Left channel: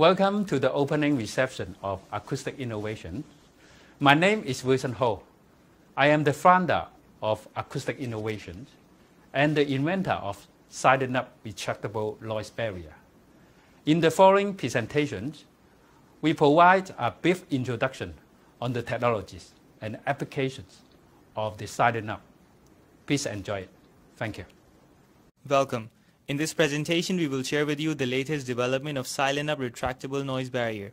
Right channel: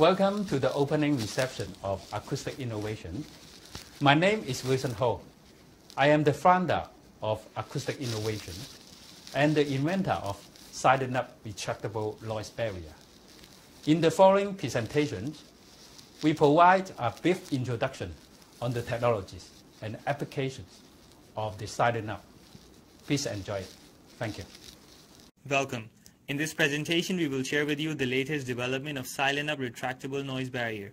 Welcome to the opening reception of Acoustic Innovation. My name is Wilson Ho. I am the founder of Acoustic Innovation and the inventor of SilentUp retractable noise barrier. In the following presentations, we provide a brief introduction on the technologies and applications of the SilentUp. Please enjoy it. Thank you. Welcome. In this presentation, we will share with you the latest development of SilentUp retractable noise barrier.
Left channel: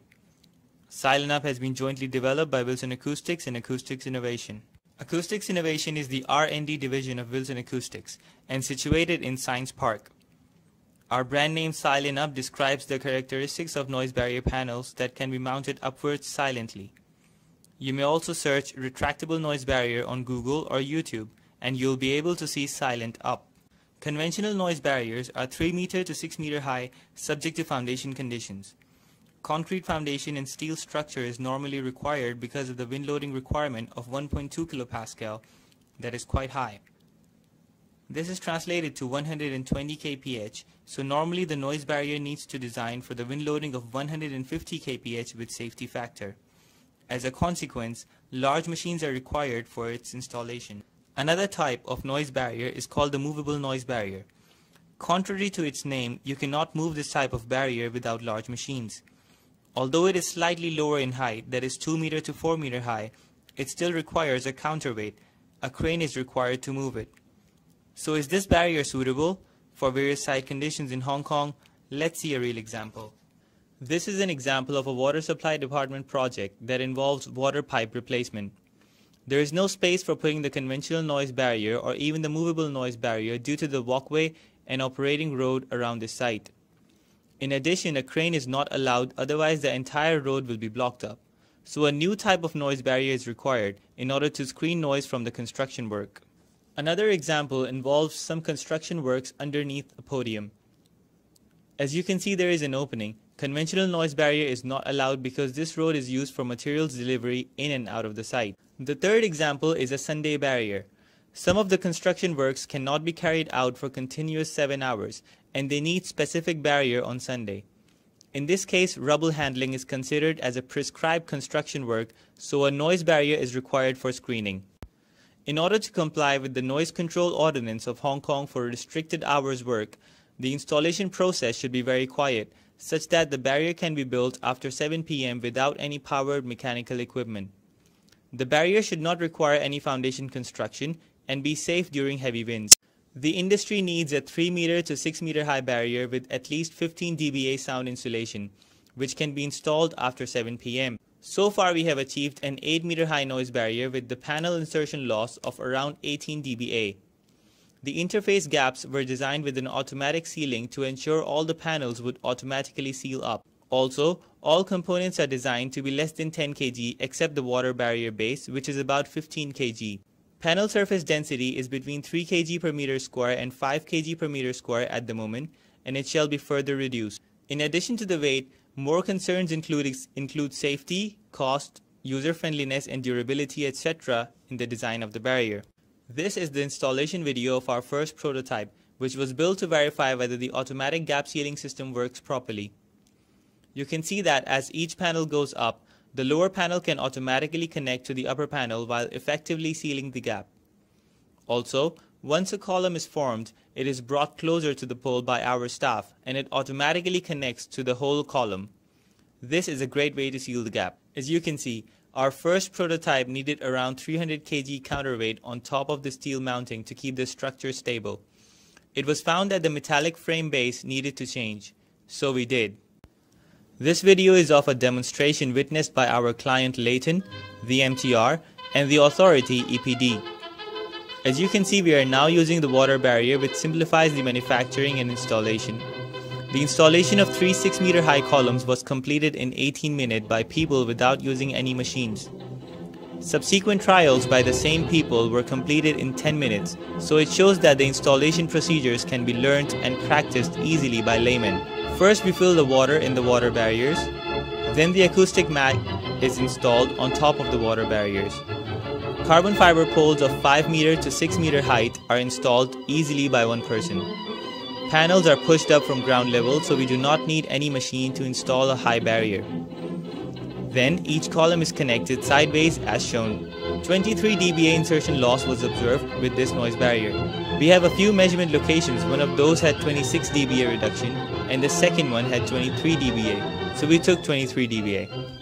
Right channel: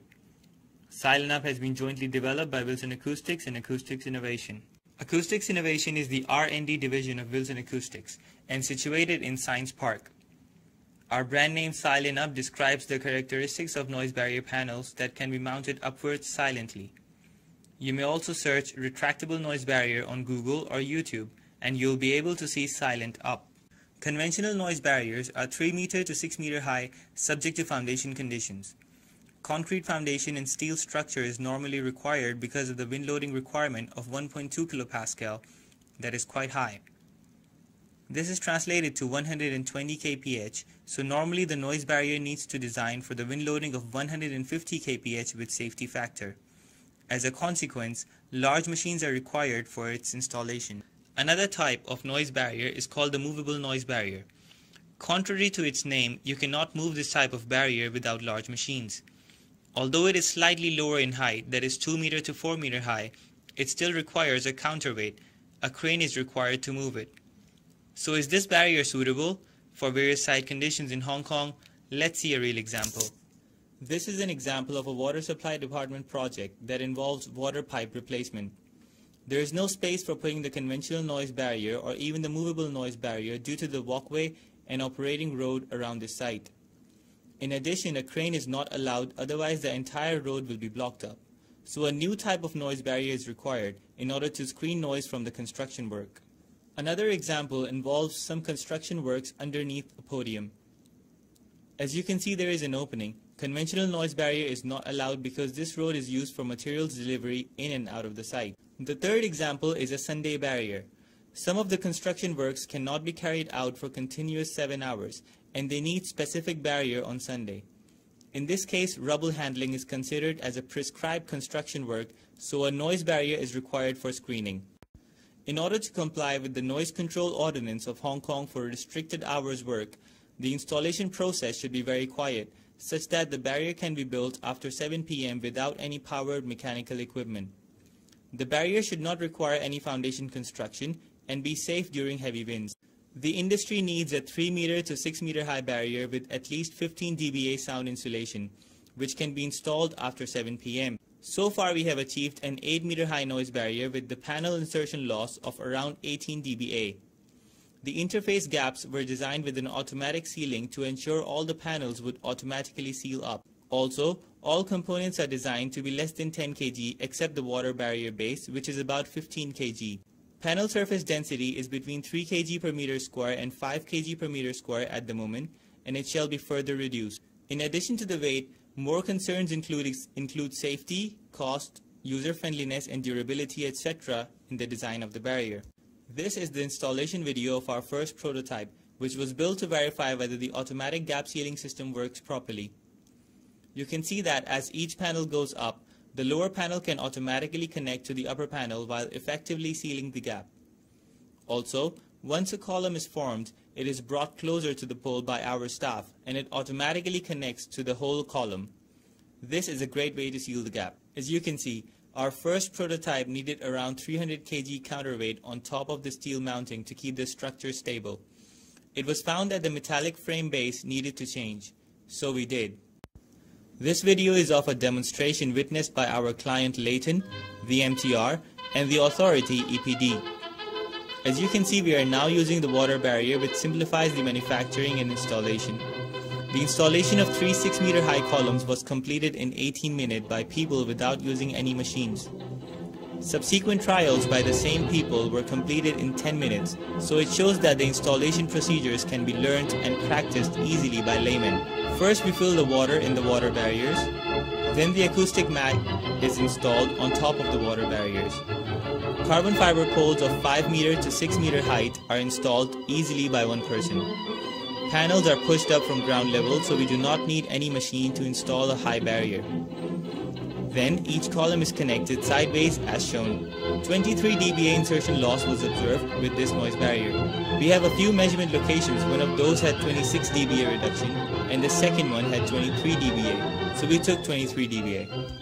SilentUp has been jointly developed by Wilson Acoustics and Acoustics Innovation. Acoustics Innovation is the R&D division of Wilson Acoustics and situated in Science Park. Our brand name SilentUp describes the characteristics of noise barrier panels that can be mounted upwards silently. You may also search retractable noise barrier on Google or YouTube and you'll be able to see SilentUp. Conventional noise barriers are 3 meter to 6 meter high, subject to foundation conditions. Concrete foundation and steel structure is normally required because of the wind loading requirement of 1.2 kilopascal that is quite high. This is translated to 120 kph, so normally the noise barrier needs to design for the wind loading of 150 kph with safety factor. As a consequence, large machines are required for its installation. Another type of noise barrier is called the movable noise barrier. Contrary to its name, you cannot move this type of barrier without large machines. Although it is slightly lower in height, that is 2 meter to 4 meter high, it still requires a counterweight. A crane is required to move it. So is this barrier suitable for various site conditions in Hong Kong? Let's see a real example. This is an example of a water supply department project that involves water pipe replacement. There is no space for putting the conventional noise barrier or even the movable noise barrier due to the walkway and operating road around the site. In addition, a crane is not allowed, otherwise the entire road will be blocked up. So a new type of noise barrier is required in order to screen noise from the construction work. Another example involves some construction works underneath a podium. As you can see, there is an opening. Conventional noise barrier is not allowed because this road is used for materials delivery in and out of the site. The third example is a Sunday barrier. Some of the construction works cannot be carried out for continuous 7 hours, and they need specific barrier on Sunday. In this case, rubble handling is considered as a prescribed construction work, so a noise barrier is required for screening. In order to comply with the Noise Control Ordinance of Hong Kong for restricted hours work, the installation process should be very quiet, such that the barrier can be built after 7 p.m. without any powered mechanical equipment. The barrier should not require any foundation construction and be safe during heavy winds. The industry needs a 3 meter to 6 meter high barrier with at least 15 dBA sound insulation, which can be installed after 7 p.m. So far we have achieved an 8 meter high noise barrier with the panel insertion loss of around 18 dBA. The interface gaps were designed with an automatic sealing to ensure all the panels would automatically seal up. Also, all components are designed to be less than 10 kg except the water barrier base, which is about 15 kg. Panel surface density is between 3 kg per meter square and 5 kg per meter square at the moment, and it shall be further reduced. In addition to the weight, more concerns include safety, cost, user-friendliness and durability, etc. in the design of the barrier. This is the installation video of our first prototype, which was built to verify whether the automatic gap sealing system works properly. You can see that as each panel goes up, the lower panel can automatically connect to the upper panel while effectively sealing the gap. Also, once a column is formed, it is brought closer to the pole by our staff and it automatically connects to the whole column. This is a great way to seal the gap. As you can see, our first prototype needed around 300 kg counterweight on top of the steel mounting to keep the structure stable. It was found that the metallic frame base needed to change, so we did. This video is of a demonstration witnessed by our client Leighton, the MTR, and the authority EPD. As you can see, we are now using the water barrier, which simplifies the manufacturing and installation. The installation of 3 6 meter high columns was completed in 18 minutes by people without using any machines. Subsequent trials by the same people were completed in 10 minutes, so it shows that the installation procedures can be learned and practiced easily by laymen. First, we fill the water in the water barriers. Then the acoustic mat is installed on top of the water barriers. Carbon fiber poles of 5 meter to 6 meter height are installed easily by one person. Panels are pushed up from ground level, so we do not need any machine to install a high barrier. Then each column is connected sideways as shown. 23 dBA insertion loss was observed with this noise barrier. We have a few measurement locations. One of those had 26 dBA reduction and the second one had 23 dBA. So we took 23 dBA.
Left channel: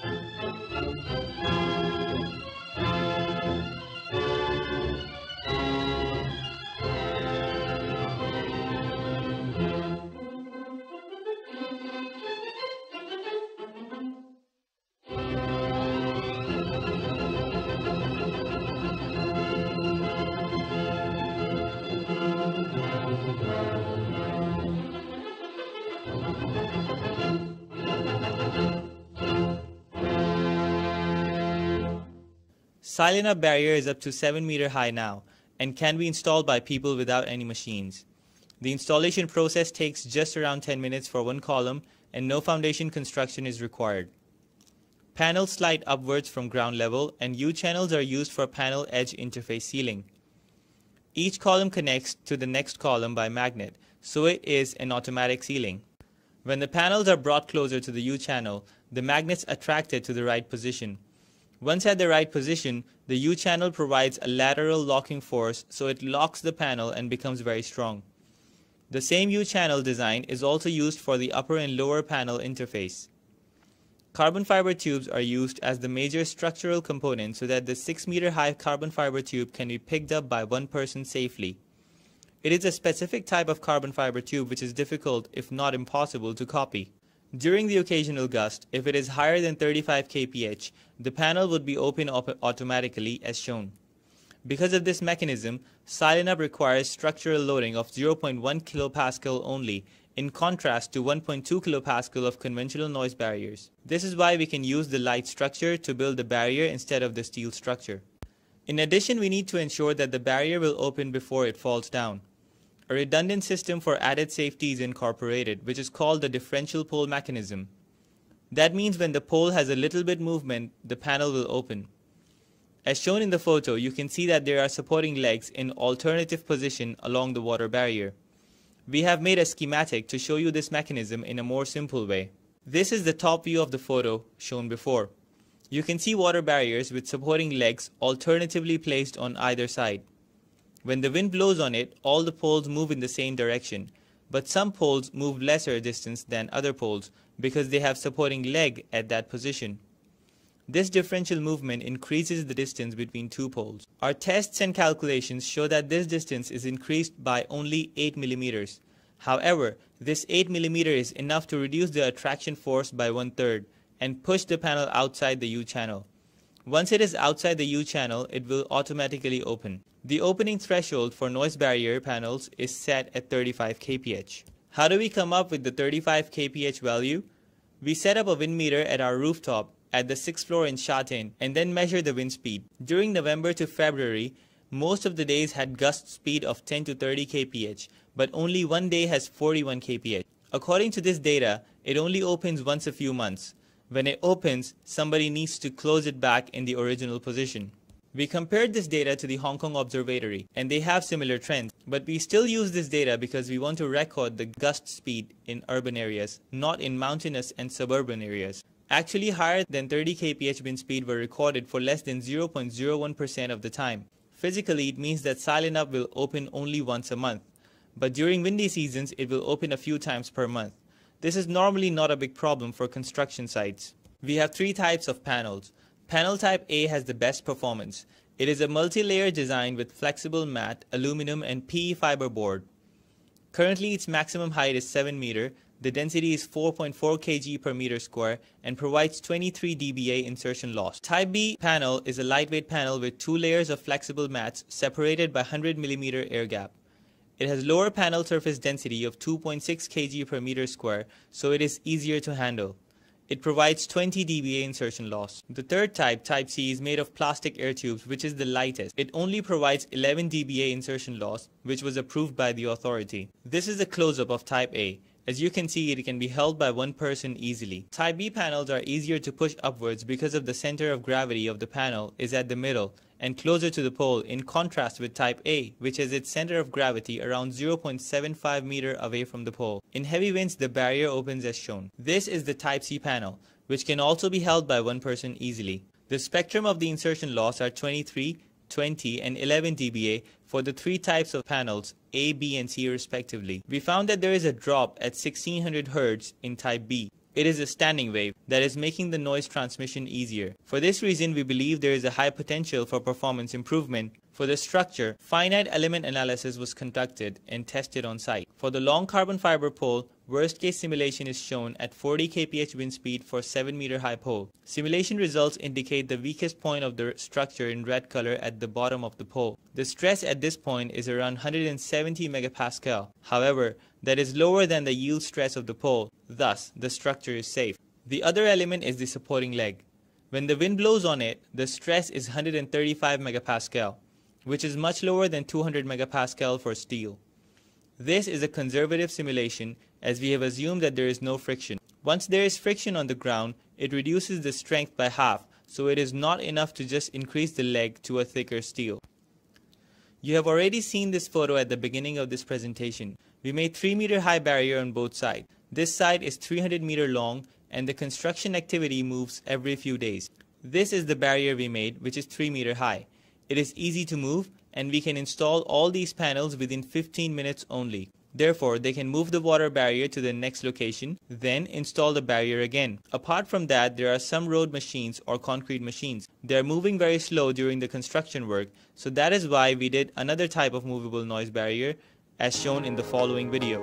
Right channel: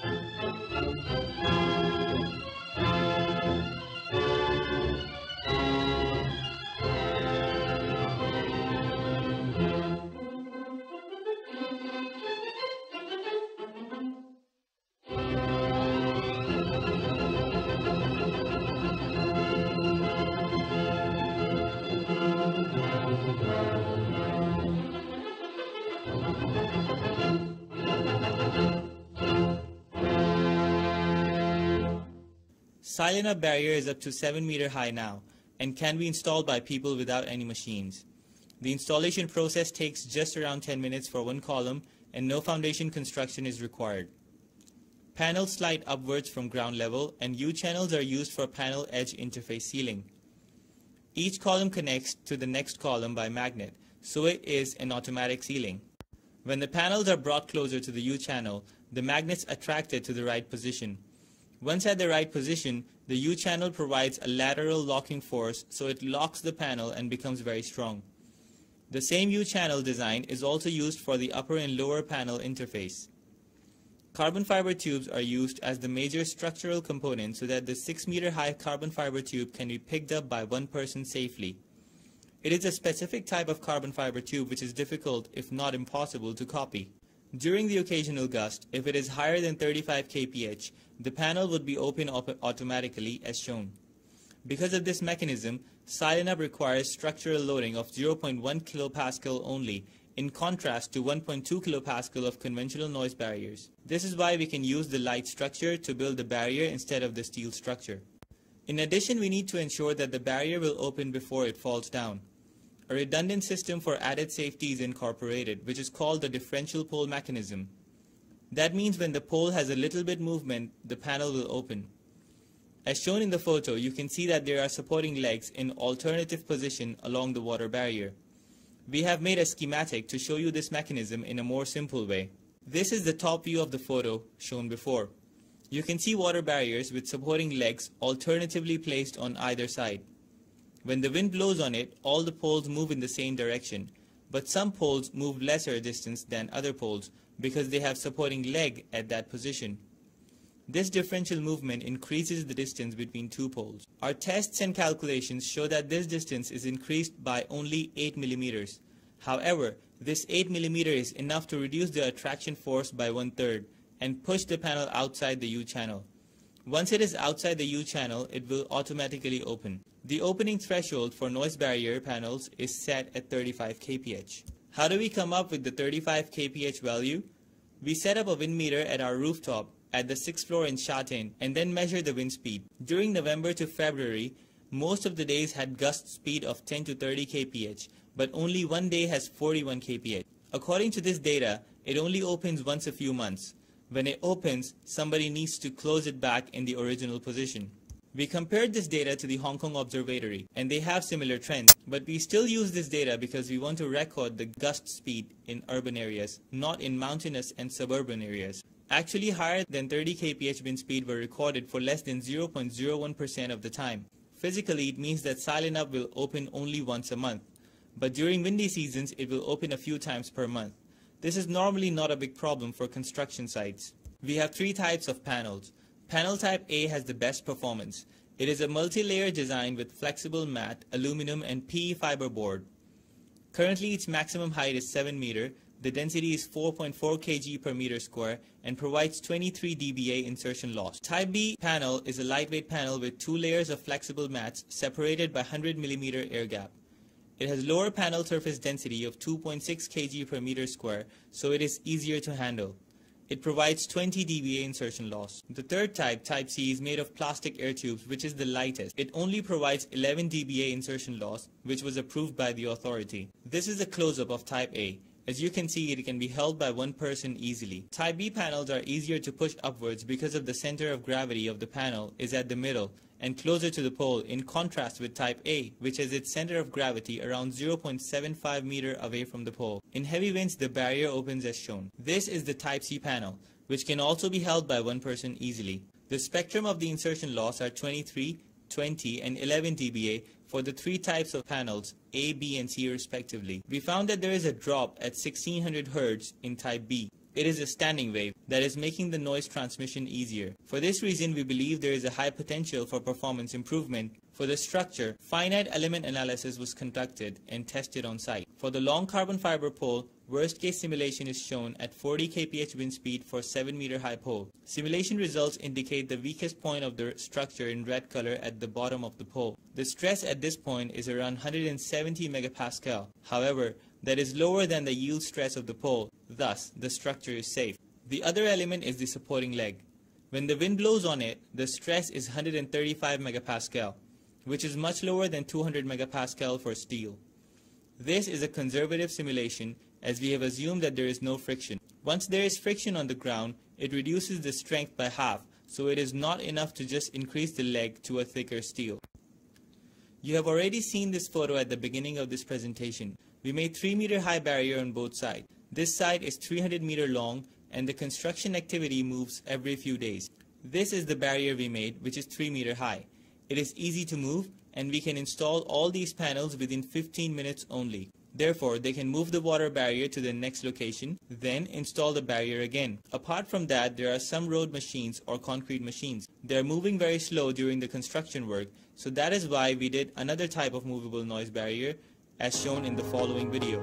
Silenup barrier is up to 7 meter high now and can be installed by people without any machines. The installation process takes just around 10 minutes for one column and no foundation construction is required. Panels slide upwards from ground level and U-channels are used for panel edge interface sealing. Each column connects to the next column by magnet, so it is an automatic sealing. When the panels are brought closer to the U-channel, the magnets attract it to the right position. Once at the right position, the U-channel provides a lateral locking force, so it locks the panel and becomes very strong. The same U-channel design is also used for the upper and lower panel interface. Carbon fiber tubes are used as the major structural component so that the 6 meter high carbon fiber tube can be picked up by one person safely. It is a specific type of carbon fiber tube which is difficult, if not impossible, to copy. During the occasional gust, if it is higher than 35 kph, the panel would be opened automatically as shown. Because of this mechanism, Silenup requires structural loading of 0.1 kPa only, in contrast to 1.2 kPa of conventional noise barriers. This is why we can use the light structure to build the barrier instead of the steel structure. In addition, we need to ensure that the barrier will open before it falls down. A redundant system for added safety is incorporated, which is called the differential pole mechanism. That means when the pole has a little bit movement, the panel will open. As shown in the photo, you can see that there are supporting legs in alternative position along the water barrier. We have made a schematic to show you this mechanism in a more simple way. This is the top view of the photo shown before. You can see water barriers with supporting legs alternatively placed on either side. When the wind blows on it, all the poles move in the same direction, but some poles move lesser distance than other poles because they have supporting leg at that position. This differential movement increases the distance between two poles. Our tests and calculations show that this distance is increased by only 8 millimeters. However, this 8 millimeter is enough to reduce the attraction force by 1/3 and push the panel outside the U-channel. Once it is outside the U-channel, it will automatically open. The opening threshold for noise barrier panels is set at 35 kph. How do we come up with the 35 kph value? We set up a wind meter at our rooftop at the 6th floor in Sha Tin and then measure the wind speed. During November to February, most of the days had gust speed of 10 to 30 kph, but only one day has 41 kph. According to this data, it only opens once a few months. When it opens, somebody needs to close it back in the original position. We compared this data to the Hong Kong Observatory, and they have similar trends, but we still use this data because we want to record the gust speed in urban areas, not in mountainous and suburban areas. Actually, higher than 30 kph wind speed were recorded for less than 0.01% of the time. Physically, it means that Silenup will open only once a month, but during windy seasons, it will open a few times per month. This is normally not a big problem for construction sites. We have three types of panels. Panel type A has the best performance. It is a multi-layer design with flexible matte, aluminum and PE fiber board. Currently its maximum height is 7 meter, the density is 4.4 kg per meter square and provides 23 dBA insertion loss. Type B panel is a lightweight panel with 2 layers of flexible mats separated by 100 mm air gap. It has lower panel surface density of 2.6 kg per meter square, so it is easier to handle. It provides 20 dBA insertion loss. The third type, Type C, is made of plastic air tubes, which is the lightest. It only provides 11 dBA insertion loss, which was approved by the authority. This is a close-up of Type A. As you can see, it can be held by one person easily. Type B panels are easier to push upwards because of the center of gravity of the panel is at the middle, and closer to the pole, in contrast with Type A, which has its center of gravity around 0.75 meter away from the pole. In heavy winds, the barrier opens as shown. This is the Type C panel, which can also be held by one person easily. The spectrum of the insertion loss are 23, 20, and 11 dBA for the three types of panels, A, B, and C respectively. We found that there is a drop at 1600 Hz in Type B. It is a standing wave that is making the noise transmission easier. For this reason, we believe there is a high potential for performance improvement. For the structure, finite element analysis was conducted and tested on site. For the long carbon fiber pole, worst case simulation is shown at 40 kph wind speed for 7 meter high pole. Simulation results indicate the weakest point of the structure in red color at the bottom of the pole. The stress at this point is around 170 megapascal. However, that is lower than the yield stress of the pole, thus the structure is safe. The other element is the supporting leg. When the wind blows on it, the stress is 135 megapascal, which is much lower than 200 megapascal for steel. This is a conservative simulation as we have assumed that there is no friction. Once there is friction on the ground, it reduces the strength by half, so it is not enough to just increase the leg to a thicker steel. You have already seen this photo at the beginning of this presentation. We made 3 meter high barrier on both sides. This side is 300 meter long and the construction activity moves every few days. This is the barrier we made, which is 3 meter high. It is easy to move and we can install all these panels within 15 minutes only. Therefore, they can move the water barrier to the next location, then install the barrier again. Apart from that, there are some road machines or concrete machines. They are moving very slow during the construction work, so that is why we did another type of movable noise barrier as shown in the following video.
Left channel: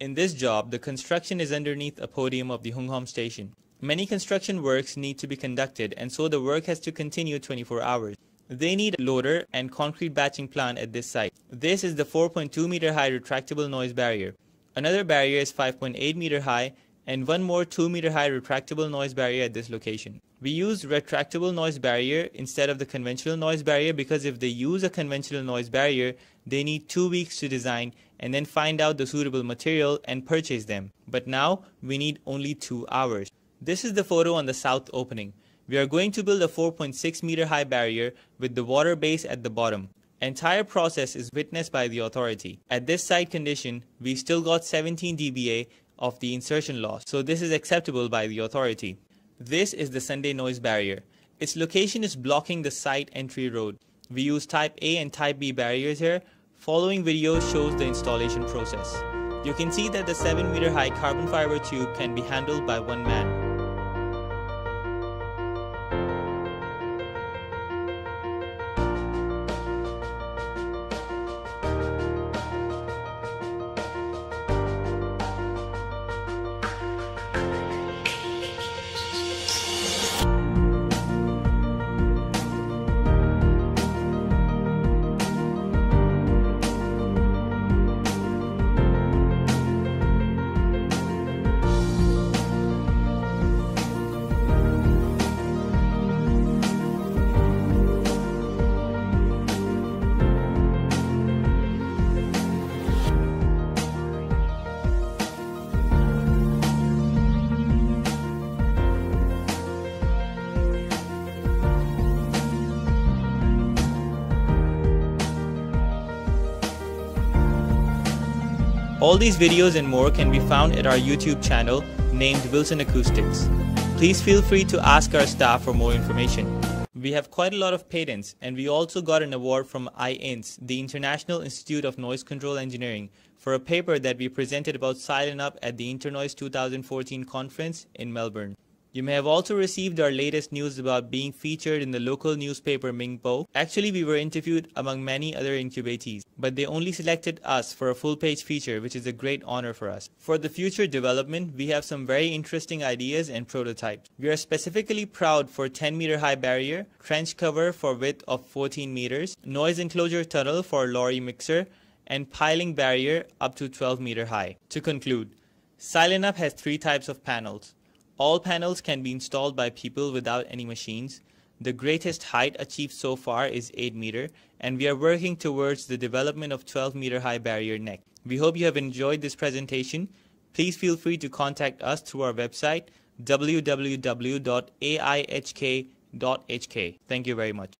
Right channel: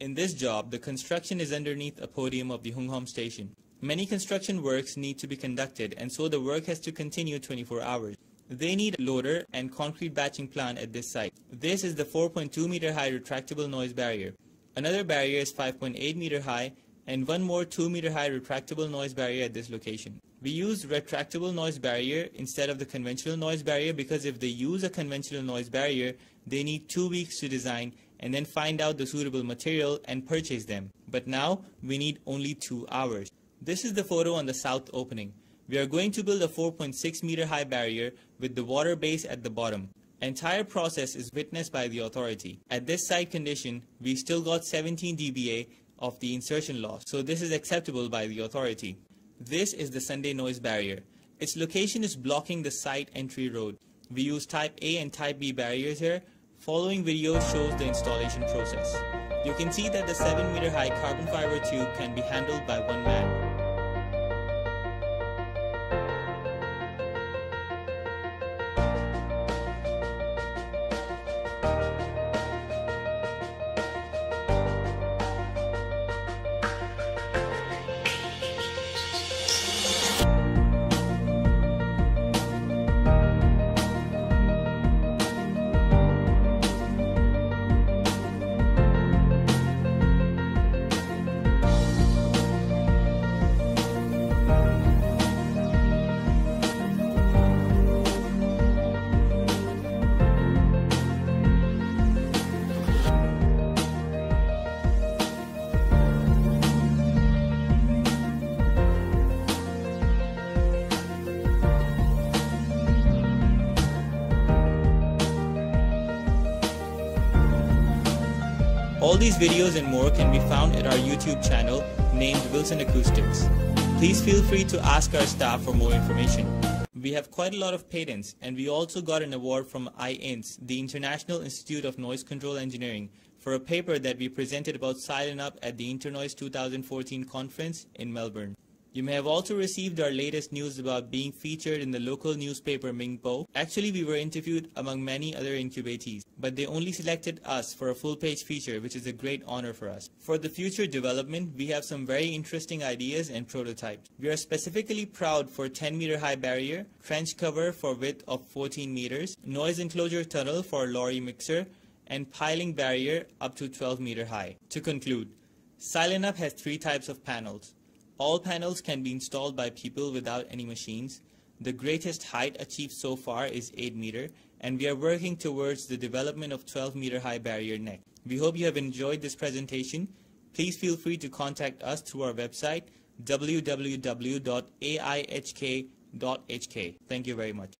In this job, the construction is underneath a podium of the Hung Hom station. Many construction works need to be conducted, and so the work has to continue 24 hours. They need a loader and concrete batching plant at this site. This is the 4.2 meter high retractable noise barrier. Another barrier is 5.8 meter high and one more 2 meter high retractable noise barrier at this location. We use retractable noise barrier instead of the conventional noise barrier because if they use a conventional noise barrier, they need 2 weeks to design and then find out the suitable material and purchase them. But now we need only 2 hours. This is the photo on the south opening. We are going to build a 4.6 meter high barrier with the water base at the bottom. Entire process is witnessed by the authority. At this site condition, we still got 17 dBA of the insertion loss, so this is acceptable by the authority. This is the Sunday noise barrier. Its location is blocking the site entry road. We use Type A and Type B barriers here. Following video shows the installation process. You can see that the 7 meter high carbon fiber tube can be handled by one man. All these videos and more can be found at our YouTube channel named Wilson Acoustics. Please feel free to ask our staff for more information. We have quite a lot of patents, and we also got an award from IINS, the International Institute of Noise Control Engineering, for a paper that we presented about SilenUp at the Internoise 2014 conference in Melbourne. You may have also received our latest news about being featured in the local newspaper Ningpo. Actually, we were interviewed among many other incubatees, but they only selected us for a full-page feature, which is a great honor for us. For the future development, we have some very interesting ideas and prototypes. We are specifically proud for 10-meter high barrier, trench cover for width of 14 meters, noise enclosure tunnel for lorry mixer, and piling barrier up to 12-meter high. To conclude, SilenUp has 3 types of panels. All panels can be installed by people without any machines. The greatest height achieved so far is 8 meter, and we are working towards the development of 12-meter high barrier next. We hope you have enjoyed this presentation. Please feel free to contact us through our website www.aihk.hk. Thank you very much.